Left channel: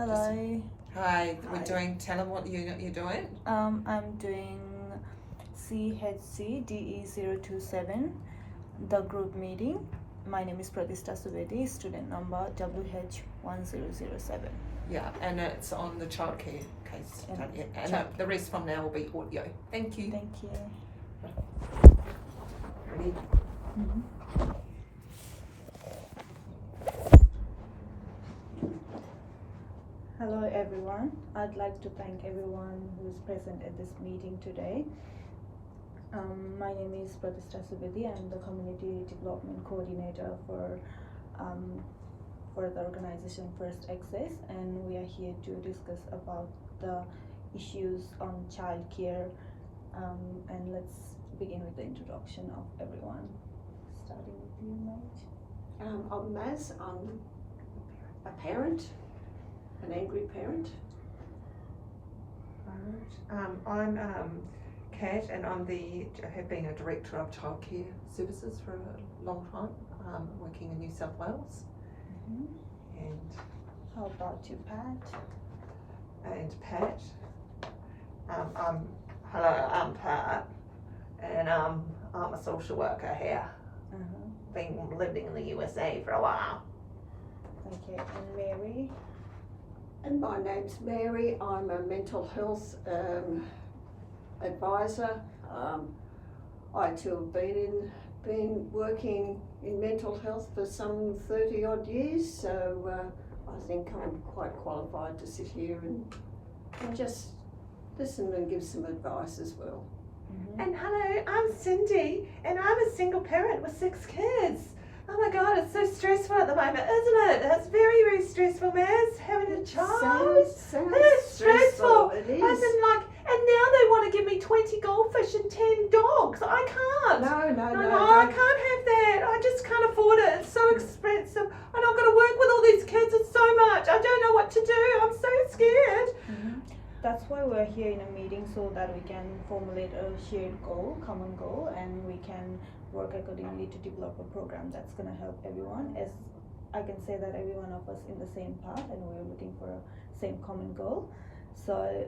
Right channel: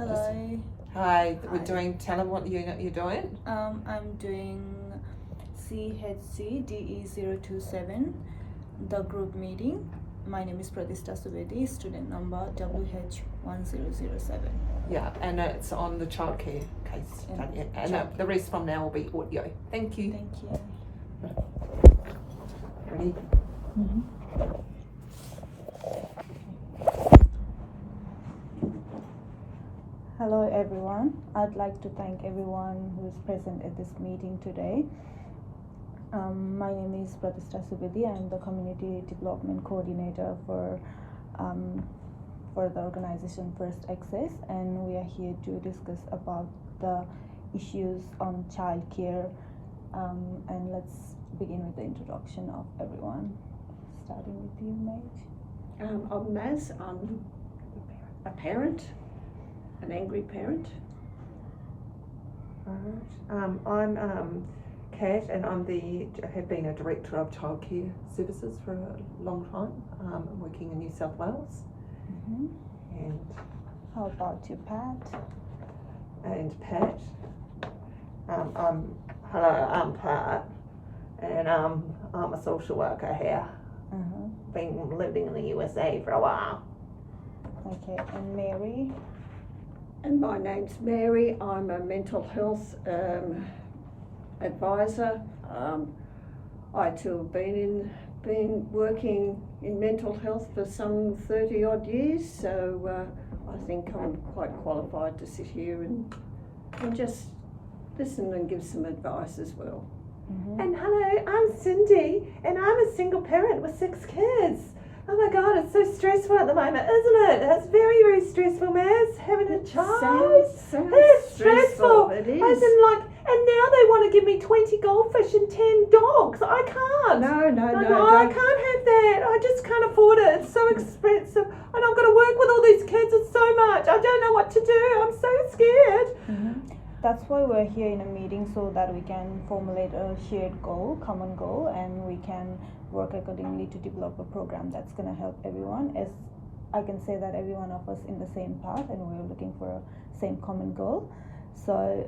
Hello. Hi, we're Hi. doing, tell them what unit you're doing. I'm doing CHCDE027, the group meeting. My name is Pratishtha Subedi, student number WH1007. Yeah, and it's on the childcare case study. And the rest from now will be audio. Thank you. Thank you. Ready? Mm-hmm. Hello everyone. I'd like to thank everyone who is present at this meeting today. My name is Pratishtha Subedi. I'm the Community Development Coordinator for the organization First Access, and we are here to discuss about the issues on childcare. And let's begin with the introduction of everyone. Starting with you, Mage. I'm Maz. I'm a parent, an angry parent. I'm Kat, and I have been a director of childcare services for a long time, working in New South Wales. Mm-hmm. And How about you, Pat? Pat. Hello, I'm Pat, and I'm a social worker here. Uh-huh. Been living in the USA for a while. Okay, and Mary? And my name's Mary. I'm a mental health advisor. I too have been working in mental health for some 30 odd years, so I think I'm quite qualified to sit here and just listen and give some advice as well. Mm-hmm. And hello, I'm Cindy, and I'm a single parent with 6 kids. Oh my God, it's so stressful at the moment, isn't it? It's very, very stressful, Maz, having a child. Sounds It's stressful. It I is. was like, and now they want to give me 20 goldfish and 10 dogs. I can't. No, I don't. can't have that. I just can't afford it. It's so expensive. And I've got to work with all these kids. It's so much. I don't know what to do. I'm so scared. Mm-hmm. That's why we're here in a meeting, so that we can formulate a shared goal, common goal, and we can work accordingly to develop a program that's going to help everyone. As I can say that every one of us in the same path, and we're looking for a same common goal. So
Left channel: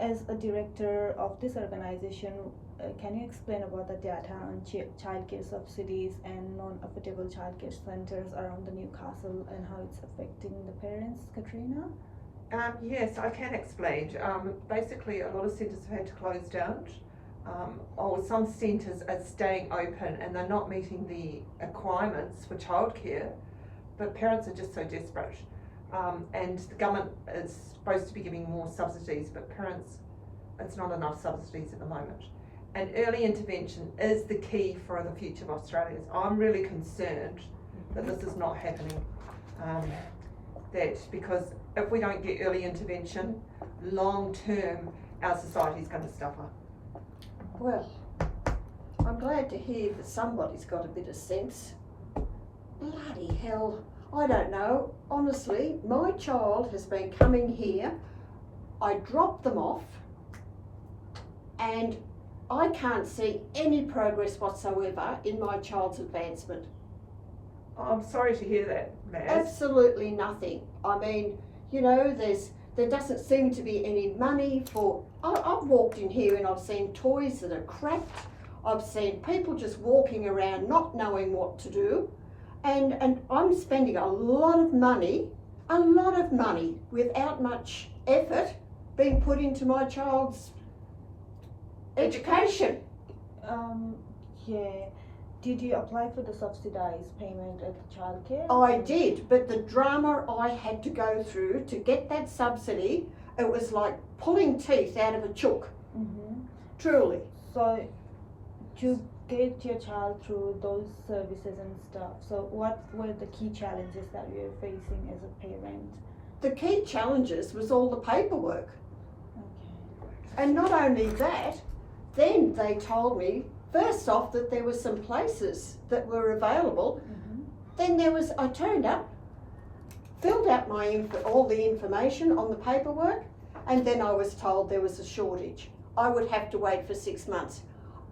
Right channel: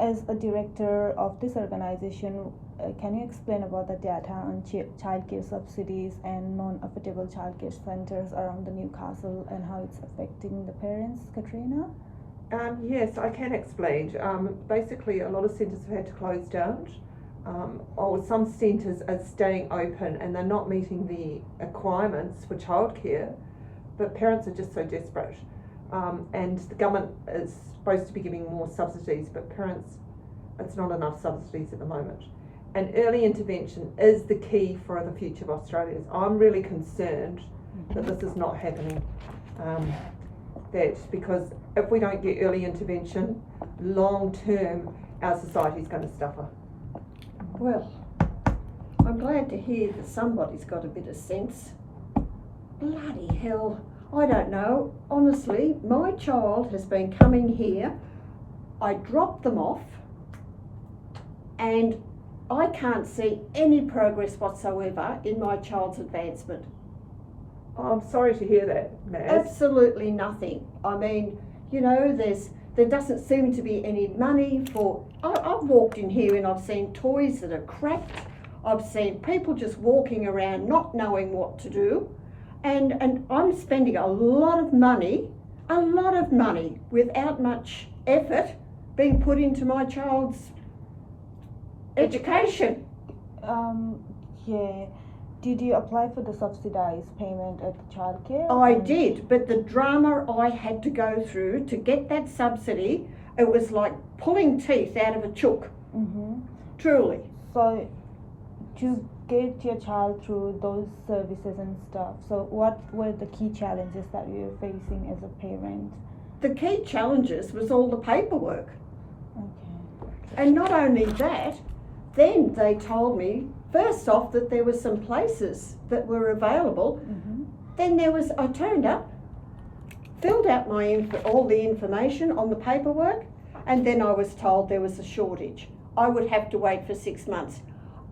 as a director of this organization, can you explain about the data on childcare subsidies and non-affordable childcare centers around the Newcastle and how it's affecting the parents, Katrina? Yes, I can explain. Basically, a lot of centres have had to close down. Some centres are staying open and they're not meeting the requirements for childcare, but parents are just so desperate. And the government is supposed to be giving more subsidies, but parents, it's not enough subsidies at the moment. And early intervention is the key for the future of Australia. I'm really concerned that this is not happening. Because if we don't get early intervention, long term, our society is going to suffer. Well, I'm glad to hear that somebody's got a bit of sense. Bloody hell, I don't know. Honestly, my child has been coming here. I dropped them off and I can't see any progress whatsoever in my child's advancement. I'm sorry to hear that, Maz. Absolutely nothing. I mean, you know, there doesn't seem to be any money for. I've walked in here and I've seen toys that are cracked. I've seen people just walking around not knowing what to do, and I'm spending a lot of money without much effort being put into my child's education. Yeah. Did you apply for the subsidized payment at the childcare? I did, but the drama I had to go through to get that subsidy, it was like pulling teeth out of a chook. Mm-hmm. Truly. So, to get your child through those services and stuff, so what were the key challenges that you were facing as a parent? The key challenges was all the paperwork. Okay. And not only that, then they told me, first off, that there were some places that were available. Mm-hmm. Then I turned up, filled out all the information on the paperwork, and then I was told there was a shortage. I would have to wait for 6 months.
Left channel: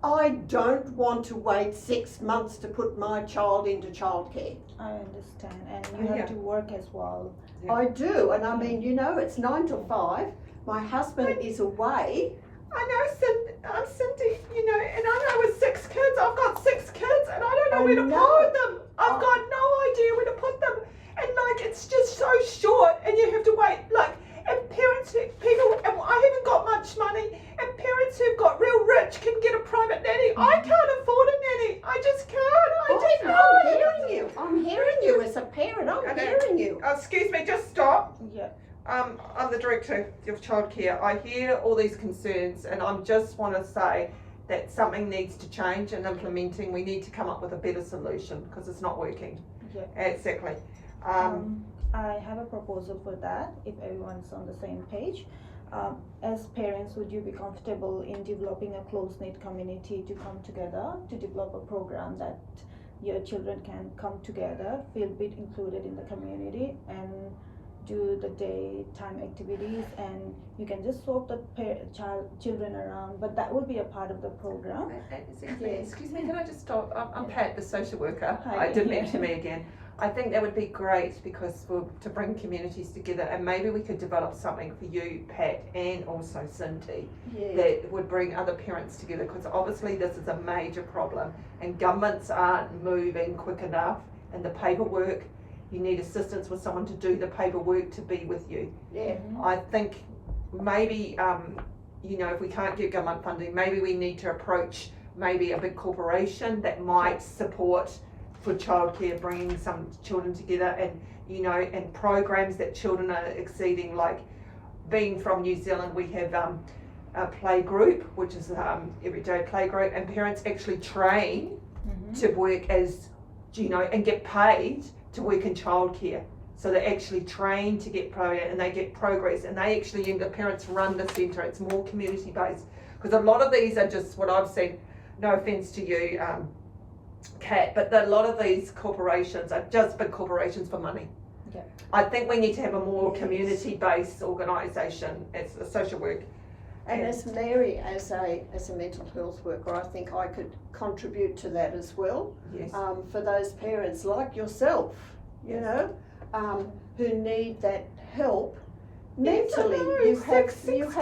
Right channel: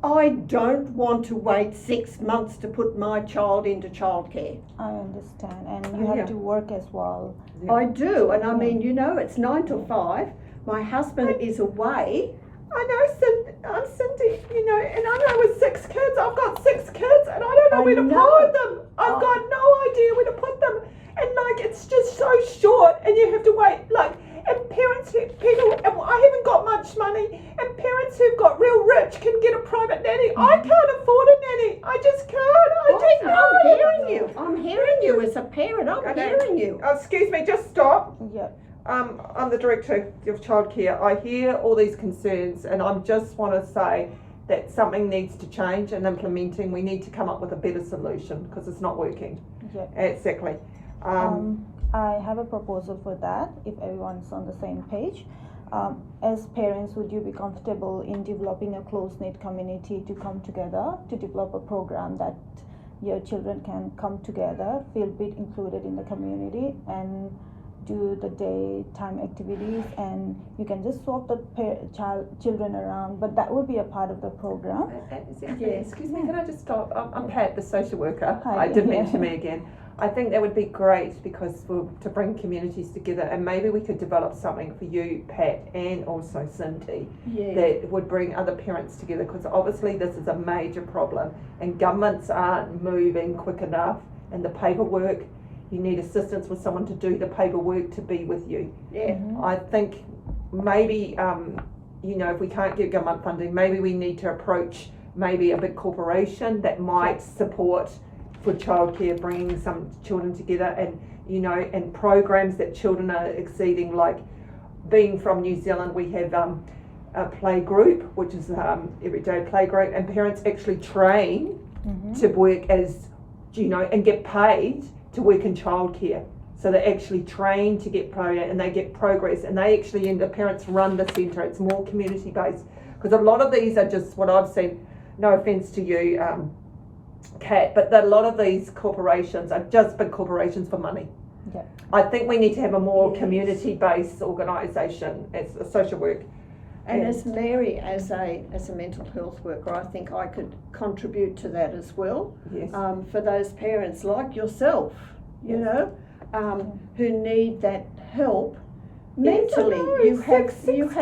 I don't want to wait 6 months to put my child into childcare. I understand, and you have Yeah. to work as well. Yeah. I do, and I mean, you know, it's 9 till 5. My husband is away. I know, Cindy, you know, and I know with 6 kids, I've got 6 kids, and I don't know I where to know. put them. I've got no idea where to put them, and like it's just so short, and you have to wait, like, and parents, and I haven't got much money, and parents who've got real rich can get a private nanny. I can't afford a nanny. I just can't. I just can't. I'm hearing you. I'm hearing you as a parent. I'm Okay. hearing you. Excuse me, just stop. Yeah. I'm the director of childcare. I hear all these concerns, and I just want to say that something needs to change and implementing. We need to come up with a better solution because it's not working. Yeah. Exactly. I have a proposal for that, if everyone's on the same page. As parents, would you be comfortable in developing a close-knit community to come together to develop a program that your children can come together, feel a bit included in the community, and do the daytime activities, and you can just swap the children around, but that would be a part of the program. Excuse me, can I just stop? I'm Pat, the social worker. Hi. I did mention me again. I think that would be great because to bring communities together, and maybe we could develop something for you, Pat, and also Cindy, Yeah. that would bring other parents together, because obviously this is a major problem and governments aren't moving quick enough, and the paperwork, you need assistance with someone to do the paperwork to be with you. Yeah. I think maybe, you know, if we can't get government funding, maybe we need to approach maybe a big corporation that might support for childcare, bringing some children together, and, you know, and programs that children are exceeding, like being from New Zealand, we have a play group, which is everyday play group, and parents actually train to work as, you know, and get paid to work in childcare. So they actually train to get paid, and they get progress, and they actually, and the parents run the centre. It's more community based, because a lot of these are just what I've seen. No offence to you, Kat, but a lot of these corporations are just big corporations for money. Yeah. I think we need to have a more Yes. community based organisation as a social work. And as Mary, as a mental health worker, I think I could contribute to that as well. Yes. For those parents like yourself, you Yes. know, who need that help Yes, I mentally. know, You six kids.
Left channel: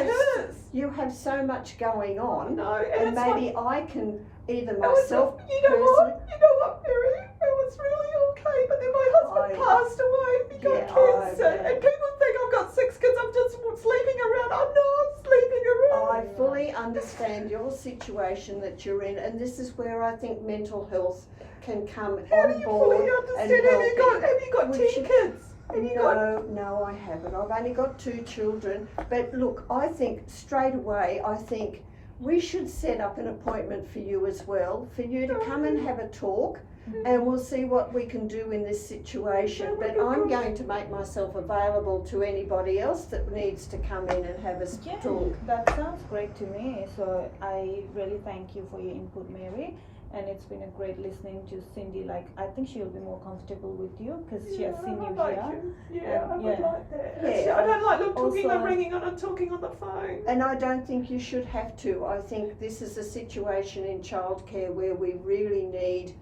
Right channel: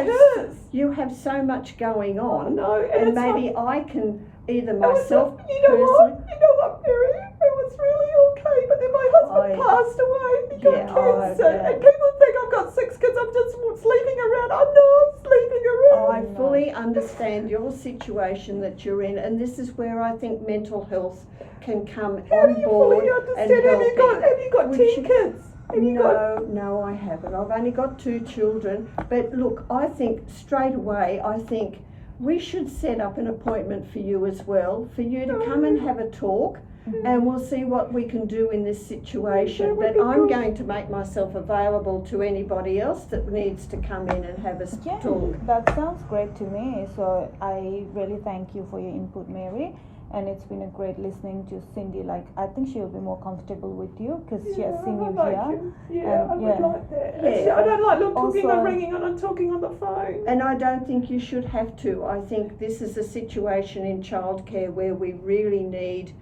have so much going I on, know, and it's maybe like, I can either it was myself like, you know personally. what, Mary, it was really okay, but then my husband passed away. He got Yeah, cancer, yeah. and people think I've got 6 kids. I'm just sleeping around. I know I'm sleeping around. I fully understand your situation that you're in, and this is where I think mental health can come How do on you board fully and understand? help. Have you got Which 10 you- kids? Have you got? No, I haven't. I've only got 2 children. But look, I think straight away, I think we should set up an appointment for you as well, for you to come and have a talk, and we'll see what we can do in this situation. But I'm going to make myself available to anybody else that needs to come in and have a Yeah, talk. that sounds great to me. So I really thank you for your input, Mary. And it's been a great listening to Cindy. Like, I think she'll be more comfortable with you because she has seen you I here. like you. Yeah, And, I would yeah. like that. Yeah. I don't like them talking Also- and ringing and talking on the phone. And I don't think you should have to. I think this is a situation in childcare where we really need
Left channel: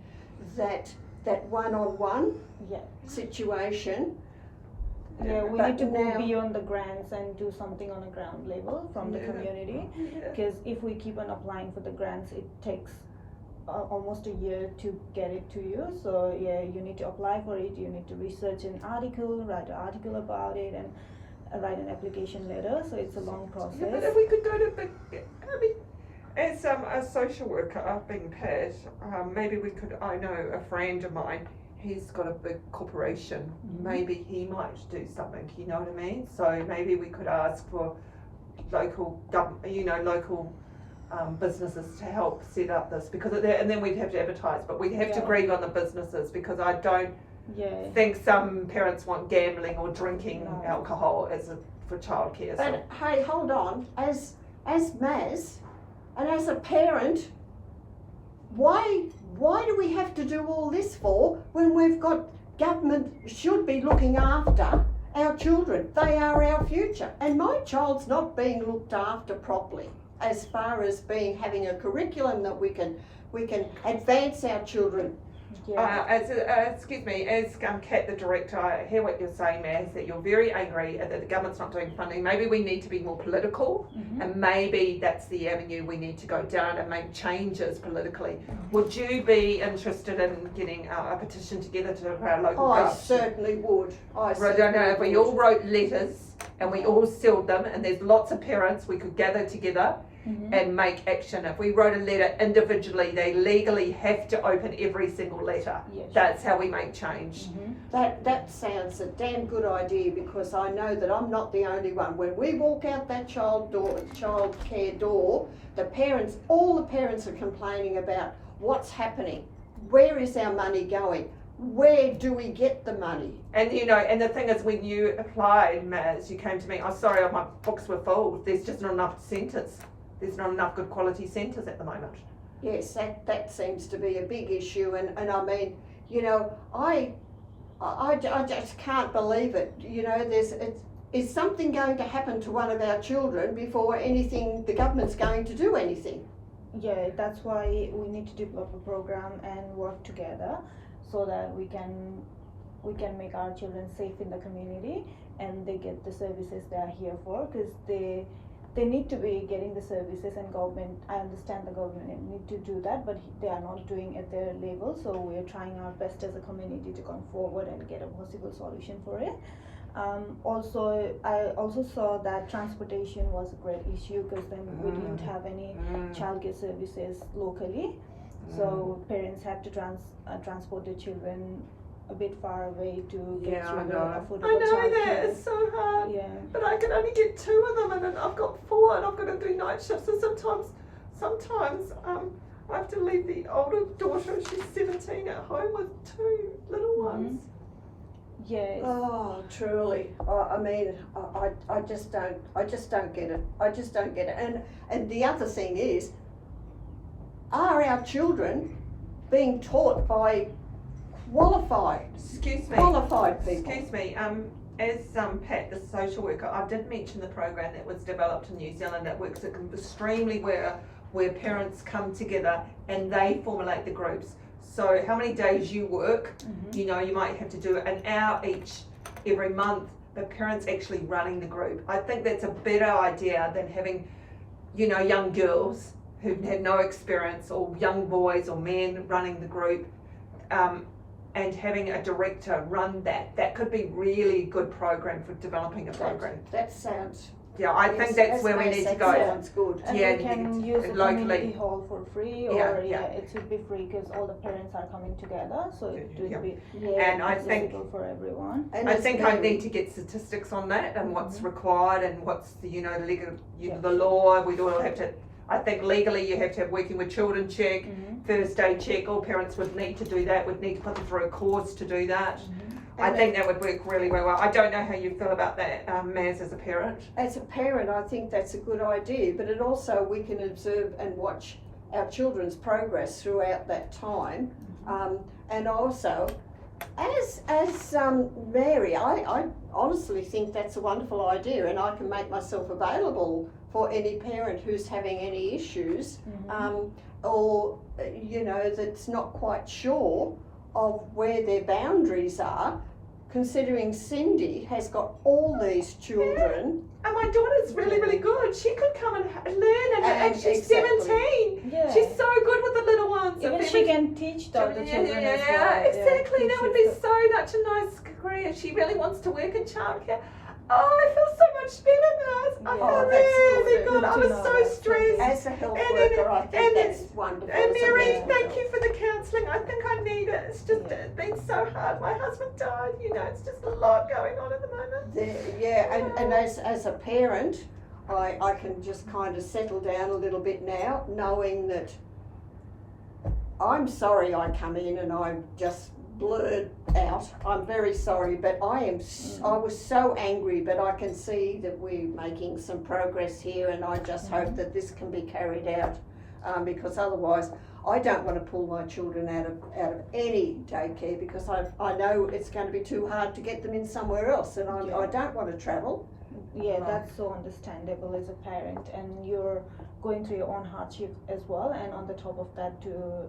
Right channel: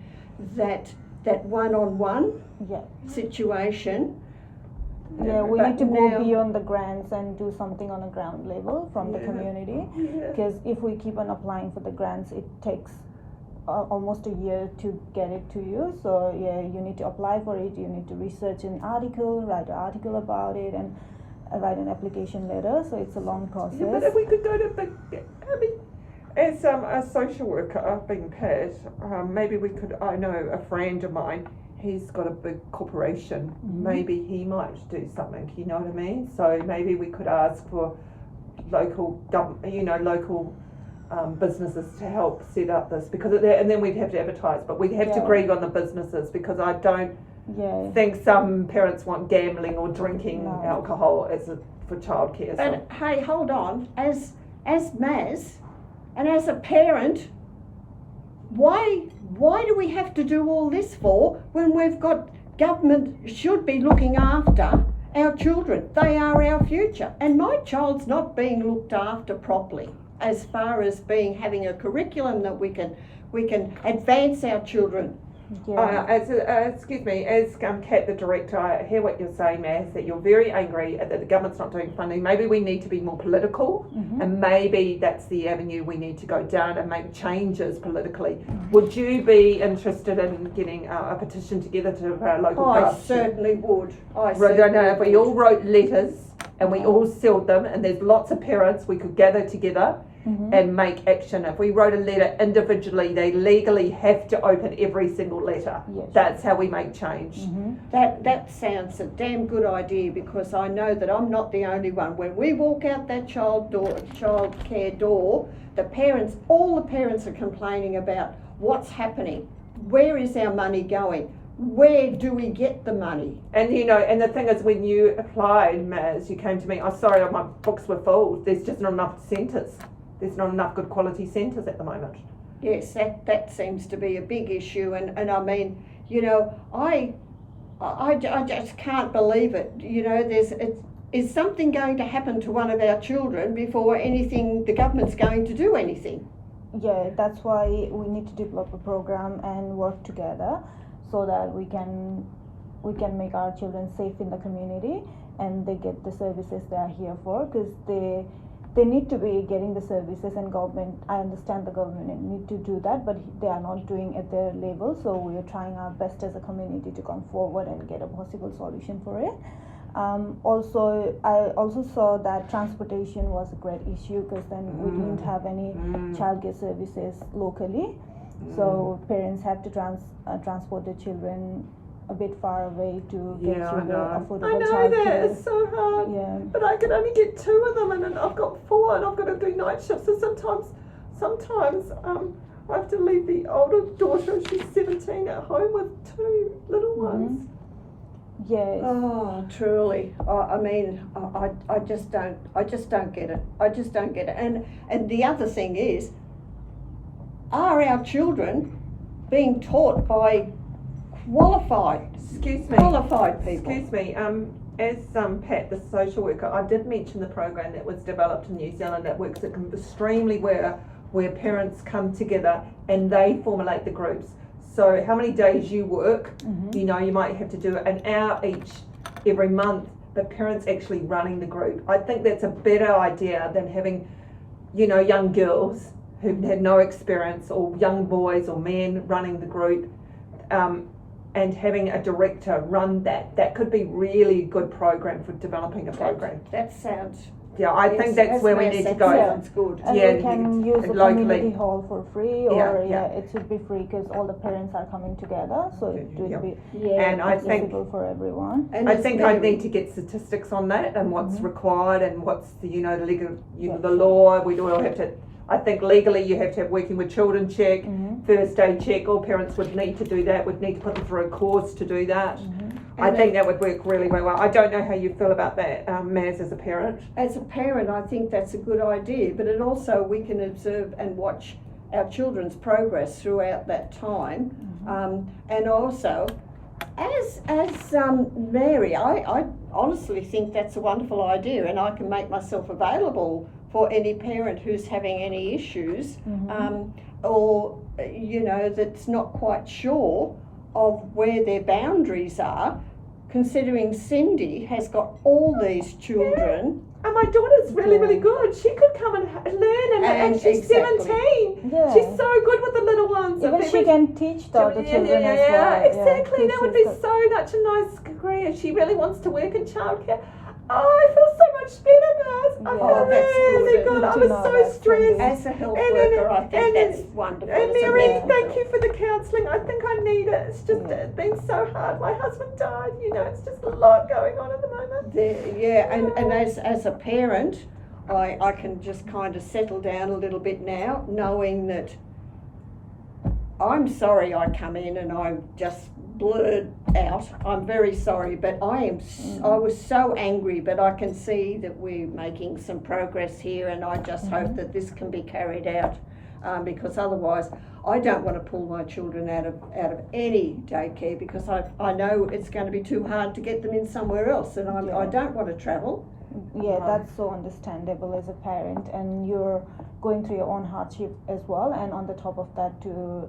that one-on-one Yeah. situation. Yeah, we But need to go now- beyond the grants and do something on a ground level from the Yeah. community. Yeah. Because if we keep on applying for the grants, it takes almost a year to get it to you. So yeah, you need to apply for it. You need to research an article, write an article about it, and write an application letter. So it's a long Yeah, but process. if we could do it, I mean, as a social worker, being Pat, maybe we could. I know a friend of mine. He's got a big corporation. Maybe he might do something. You know what I mean? So maybe we could ask for local local businesses to help set up this, because and then we'd have to advertise. But we'd have to Yeah. agree on the businesses, because I don't Yeah. think some parents want gambling or drinking No. alcohol for childcare. So. And hey, hold on, as Maz, and as a parent, why do we have to do all this for when we've got government should be looking after our children? They are our future, and my child's not being looked after properly. as far as having a curriculum that we can advance our children. Yeah. Excuse me, as Kat, the director, I hear what you're saying, Maz, that you're very angry that the government's not doing funding. Maybe we need to be more political, and maybe that's the avenue we need to go down and make changes politically. Would you be interested in getting a petition together to our local I government? certainly would. If we all wrote letters and we all sealed them, and there's lots of parents, we could gather together and make action. If we wrote a letter individually, they legally have to open every single letter. Yes. That's how we make change. That sounds a damn good idea, because I know that I'm not the only one. When we walk out that child care door, all the parents are complaining about what's happening. Where is our money going? Where do we get the money? And and the thing is, when you applied, Maz, you came to me, sorry, my books were full. There's just not enough centres. There's not enough good quality centres at the moment. Yes, that seems to be a big issue, and I mean, I just can't believe it. Is something going to happen to one of our children before the government's going to do anything? Yeah, that's why we need to develop a program and work together so that we can make our children safe in the community and they get the services they are here for, because they need to be getting the services, and government, I understand the government need to do that, but they are not doing at their level, so we're trying our best as a community to come forward and get a possible solution for it. I also saw that transportation was a great issue, because then we didn't have any childcare services locally, so parents had to transport their children a bit far away to get through the affordable childcare. That is so hard. Yeah. But I can only get 2 of them, and then I've got 4, and I've got to do night shifts. So sometimes I have to leave the older daughter, she's 17, at home with 2 little ones. Yes. Oh, truly. I mean, I just don't get it. I just don't get it. And the other thing is, are our children being taught by qualified people? Excuse me. As Pat, the social worker, I did mention the program that was developed in New Zealand that works extremely well, where parents come together and they formulate the groups. So how many days you work, you might have to do an hour each every month, but parents actually running the group. I think that's a better idea than having, young girls who had no experience, or young boys or men running the group, and having a director run that. That could be really a good program for developing a program. That sounds... Yeah, I think that's where we need to go. Sounds good. And we can use the community hall for free, or it should be free, because all the parents are coming together, so it would be and I think accessible for everyone. And I think I need to get statistics on that and what's required and what's the legal, the law. We all have to. I think legally you have to have working with children check, first aid check. All parents would need to do that. Would need to put them through a course to do that. I think that would work really, really well. I don't know how you feel about that, Maz, as a parent. As a parent, I think that's a good idea, but it also, we can observe and watch our children's progress throughout that time. And also, as Mary, I honestly think that's a wonderful idea, and I can make myself available for any parent who's having any issues, or that's not quite sure of where their boundaries are, considering Cindy has got all these children. And my daughter's really, really good. She could come and learn, and she's 17. Yeah. She's so good with the little ones. Even she can teach the other children as well. Exactly. That would be so much a nice career. She really wants to work in childcare. Oh, I feel so much better, Maz. I feel really good. I was so stressed. As a health worker, I think that's wonderful. And Mary, thank you for the counselling. I think I need it. It's just it's been so hard. My husband died. It's just a lot going on at the moment. And as a parent, I can just kind of settle down a little bit now, knowing that I'm sorry I come in and I just blurred out. I'm very sorry, but I was so angry, but I can see that we're making some progress here, and I just hope that this can be carried out, because otherwise I don't want to pull my children out of any daycare because I know it's going to be too hard to get them in somewhere else, and Yeah. I don't want to travel. Yeah, that's so understandable as a parent, and you're going through your own hardship as well, and on the top of that to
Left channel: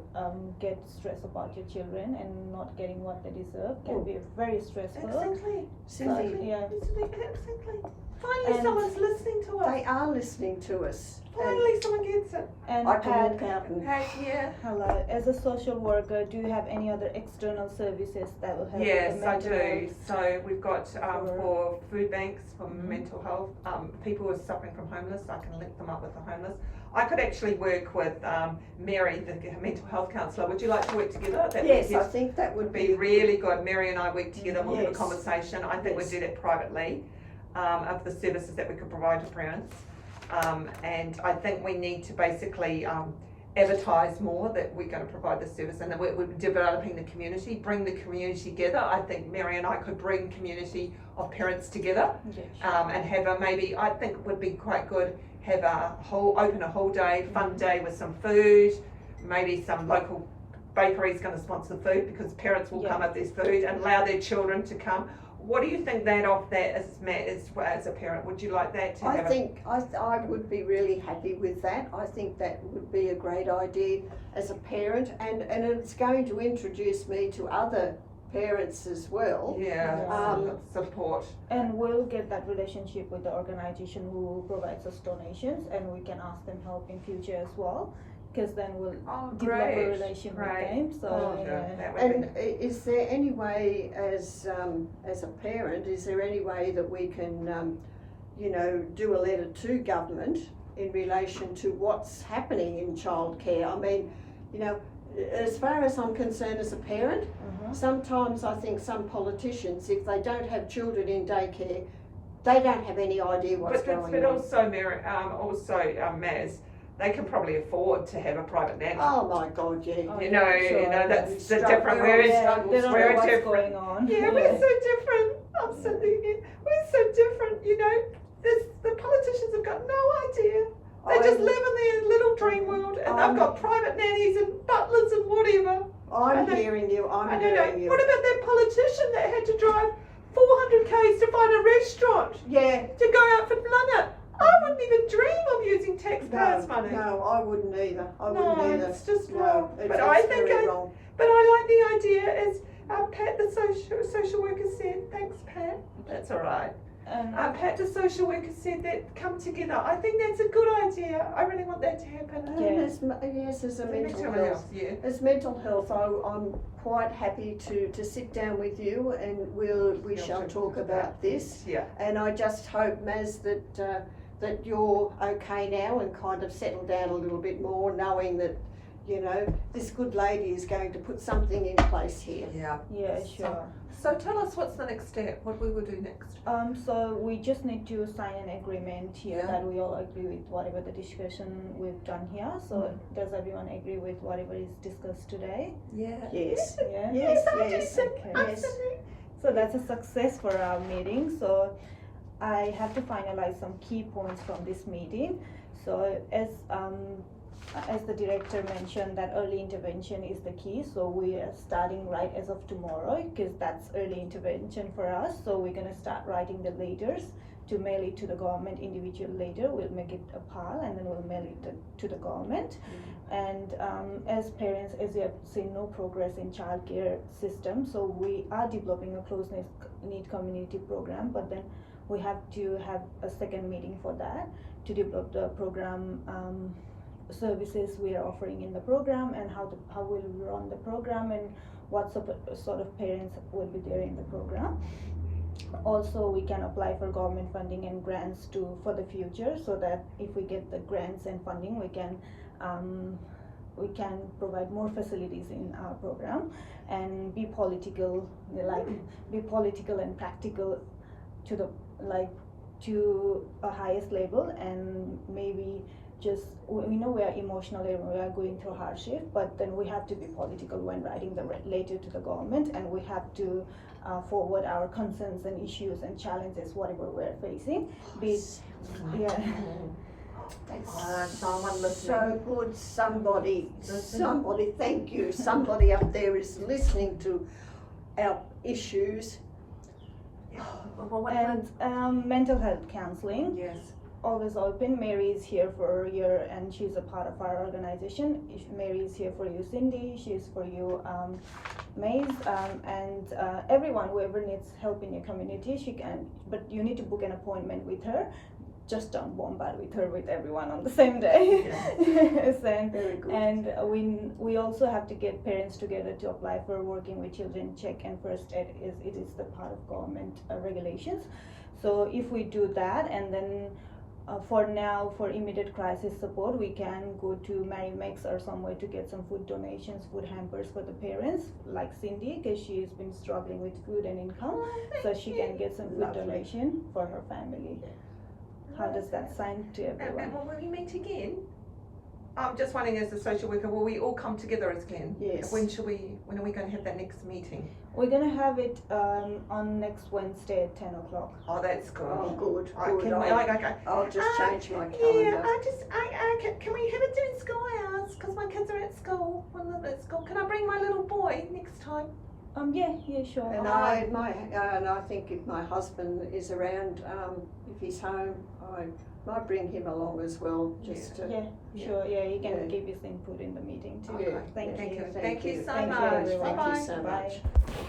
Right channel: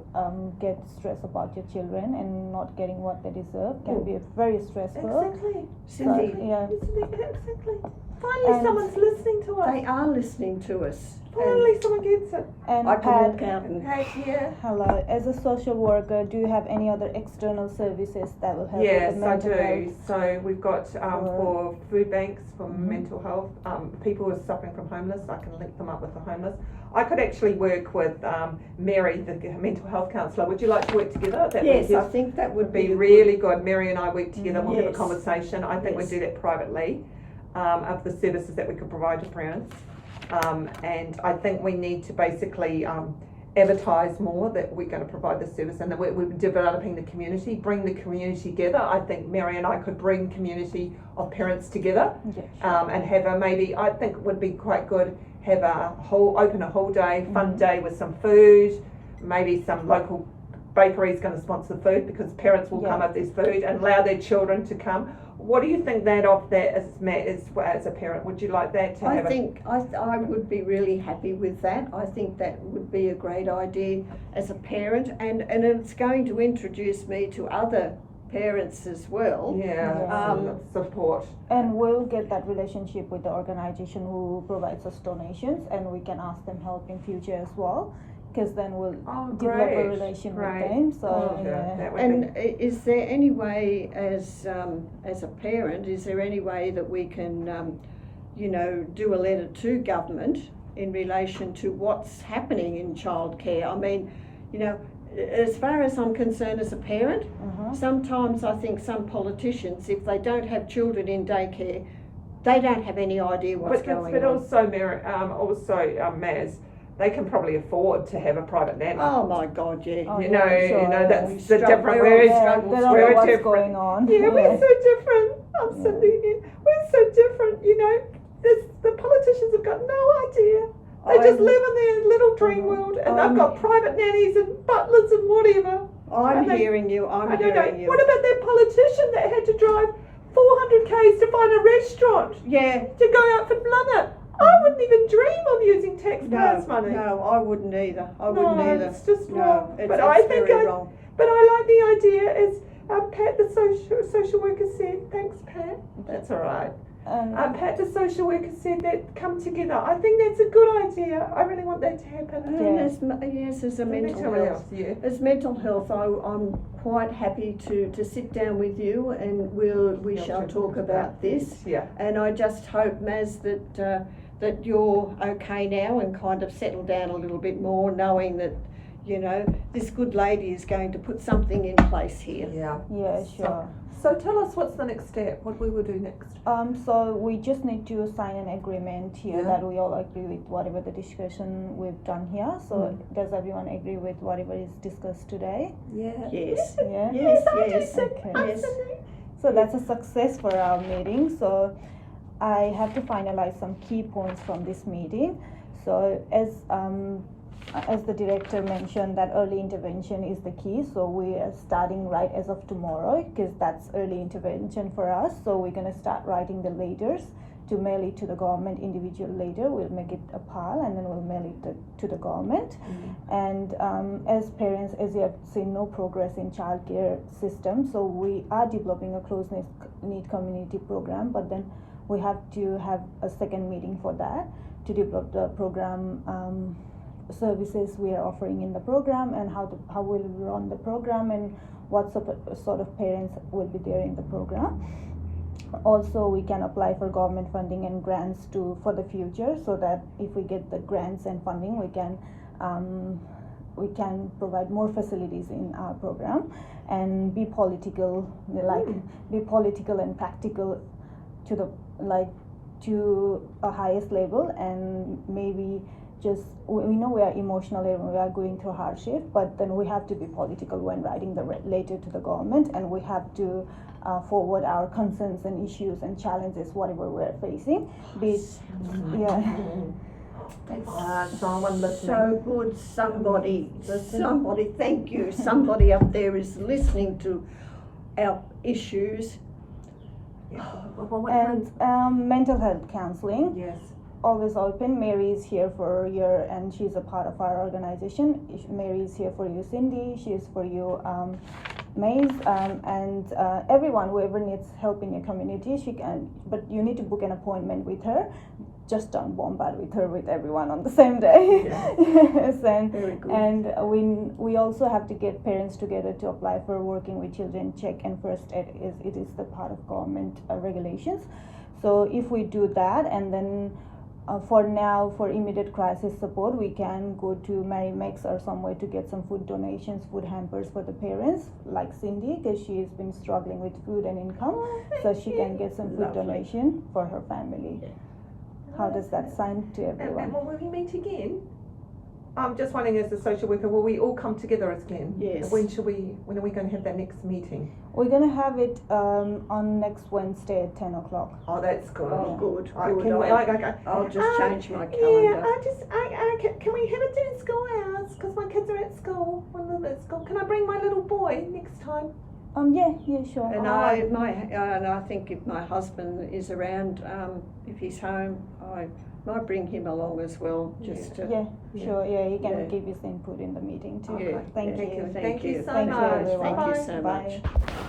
get stressed about your children and not getting what they deserve can be very stressful. Exactly. Cindy, Yeah. Exactly. Finally, And- someone's listening to us. they are listening to us. Finally, someone gets it. And I can Pat, walk out and Yeah. hello, as a social worker, do you have any other external services that will help with Yes, the I mental do. health? So we've got for food banks, for Mhm. mental health, people who are suffering from homeless, I can link them up with the homeless. I could actually work with Mary, the mental health counsellor. Would you like to work together? That yes, would I think that would be really good. Mary and I work together, we'll have a Yes. conversation. I think Yes. we'd do that privately, of the services that we could provide to parents. And I think we need to basically advertise more that we're going to provide this service, and that we're developing the community, bring the community together. I think Mary and I could bring community of parents together, Yeah, sure. and have a maybe, I think it would be quite good, have open a whole day, fun Mhm. day with some food, maybe some local bakery's going to sponsor food because parents will Yeah. come up with this food and allow their children to come. What do you think that of that as a parent? Would you like that to I have think I would be really happy with that. I think that would be a great idea as a parent, and it's going to introduce me to other parents as well. Support. And we'll get that relationship with the organization who provides us donations, and we can ask them help in future as well, because then we'll develop a relation with them. So That would And is there any way, as a parent, is there any way that we can, do a letter to government in relation to what's happening in childcare? I mean, as far as I'm concerned as a parent, sometimes I think some politicians, if they don't have children in daycare, they don't have any idea what's going on. But also, Mary, Maz, they can probably afford to have a private nanny. Oh my God, yeah. Oh, you yeah, know, sure, that's we the struggle- different. we're all Whereas struggles. they don't we're know what's different. going on. Yeah, we're so different. I'm Yeah. sitting here. We're so different. The politicians have got no idea. They just live in their little dream world, and they've got private nannies and butlers and whatever. I'm I don't- hearing you. I'm I don't know. hearing you. What about that politician that had to drive 400 k's to find a restaurant Yeah. to go out for dinner? I wouldn't even dream of using taxpayers' money. No, I wouldn't either. I No, wouldn't either. it's just No, wrong. it's, But it's I think very wrong. But I like the idea, as Pat, the social worker, said. Thanks, Pat. That's all right. And Pat, the social worker, said that come together. I think that's a good idea. I really want that to happen. And as a mental health. Yeah. As mental health, I'm quite happy to sit down with you, and we shall talk about this. Yeah. And I just hope, Maz, that you're okay now and kind of settle down a little bit more, knowing that this good lady is going to put something in place here. Yeah. yeah, sure. So tell us what's the next step. What we will do next. So we just need to sign an agreement here Yeah. that we all agree with whatever the discussion we've done here. So does everyone agree with whatever is discussed today? Yeah. Yes. Yeah. Yes. Okay. Yes. So that's a success for our meeting. So I have to finalize some key points from this meeting. So as the director mentioned, that early intervention is the key. So we are starting right as of tomorrow, because that's early intervention for us. So we're gonna start writing the letters to mail it to the government, individual letter. We'll make it a pile and then we'll mail it to the government. And as parents, as you have seen, no progress in childcare system. So we are developing a close knit community program, but then we have to have a second meeting for that to develop the program services we are offering in the program, and how we'll run the program, and what sort of parents will be there in the program. Also, we can apply for government funding and grants for the future, so that if we get the grants and funding, we can provide more facilities in our program, and be political, be political and practical to a highest level, and maybe we know we are emotional and we are going through hardship, but then we have to be political when writing the letter to the government, and we have to forward our concerns and issues and challenges, whatever we're facing. Someone listening. So good, somebody, Listen. thank you, somebody up there is listening to our issues. Well, what And kind- mental health counselling, Yes. always open. Mary is here for you, and she's a part of our organization. Mary is here for you, Cindy. She is for you, Maze, and everyone, whoever needs help in your community, she can. But you need to book an appointment with her. Just don't bombard with her with everyone on the same day. Yes, Very good. and we also have to get parents together to apply for working with children check and first aid. It is the part of government regulations. So if we do that, and then for now, for immediate crisis support, we can go to Mary Mex or somewhere to get some food donations, food hampers for the parents, like Cindy, because she's been struggling with food and income, so she can get some food Lovely. donation for her family. How does that sound to everyone? And will we meet again? I'm just wondering, as a social worker, will we all come together again? Yes. When are we going to have that next meeting? We're gonna have it on next Wednesday at 10 o'clock. Oh, that's good. Oh, good, Right, good. I'll just change my calendar. Can we have it in school hours? Because my kids are at school. One of them at school. Can I bring my little boy next time? Yeah, sure. And I think if my husband is around, if he's home, I might bring him along as well, just to. Yeah, sure. Yeah, he can Yeah. give his input in the meeting too. Okay. Thank Yeah, you. Thank you so Thank you, much. everyone. Thank you Bye-bye. so Bye. much.